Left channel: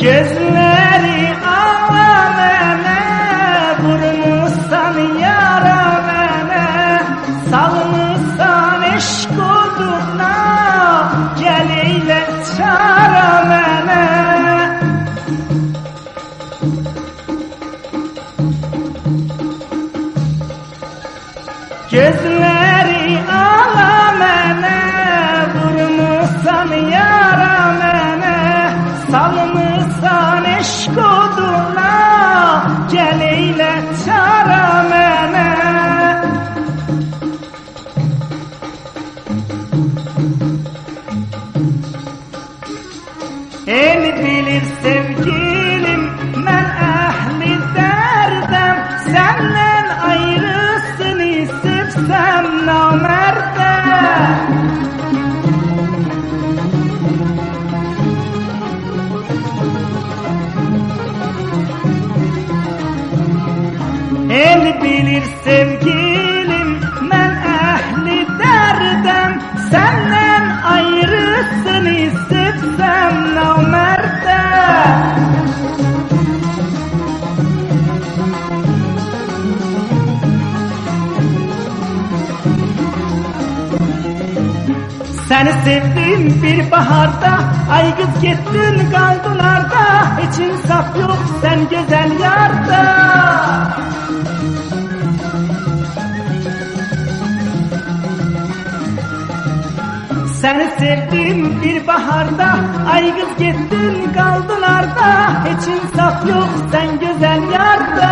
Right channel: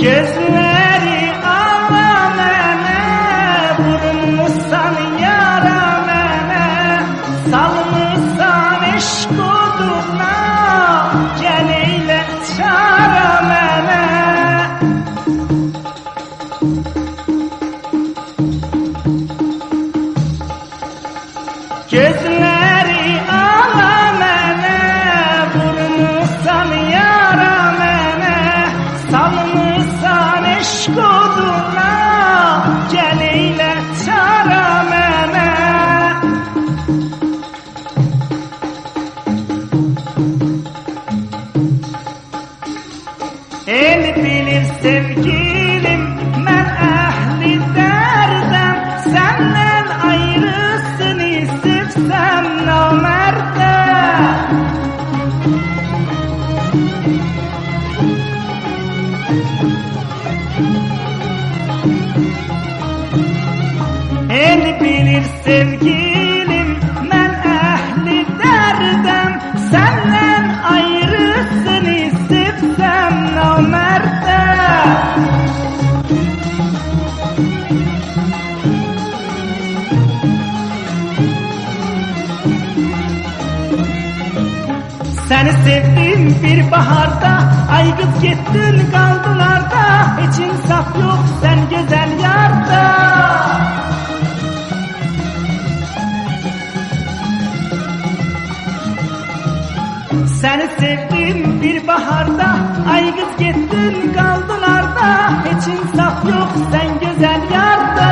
Gözleri alamene, vurmuşsan yaramene, salmışsan eşk oduna, gel eyle çaramene. Gözleri alamene, vurmuşsan yaramene, salmışsan eşk oduna, gel eyle çaramene. El bilir sevgilim, mən əhli dərdəm, səndən ayrısını sevsəm namərdəm. El bilir sevgilim, mən əhli dərdəm, səndən ayrısını sevsəm namərdəm. Səni sevdim bir baharda, ay qız getdin qaldılarda, heç insaf yox sən gözəl yarda. Səni sevdim bir baharda, ay qız getdin qaldılarda, heç insaf yox sən gözəl yarda.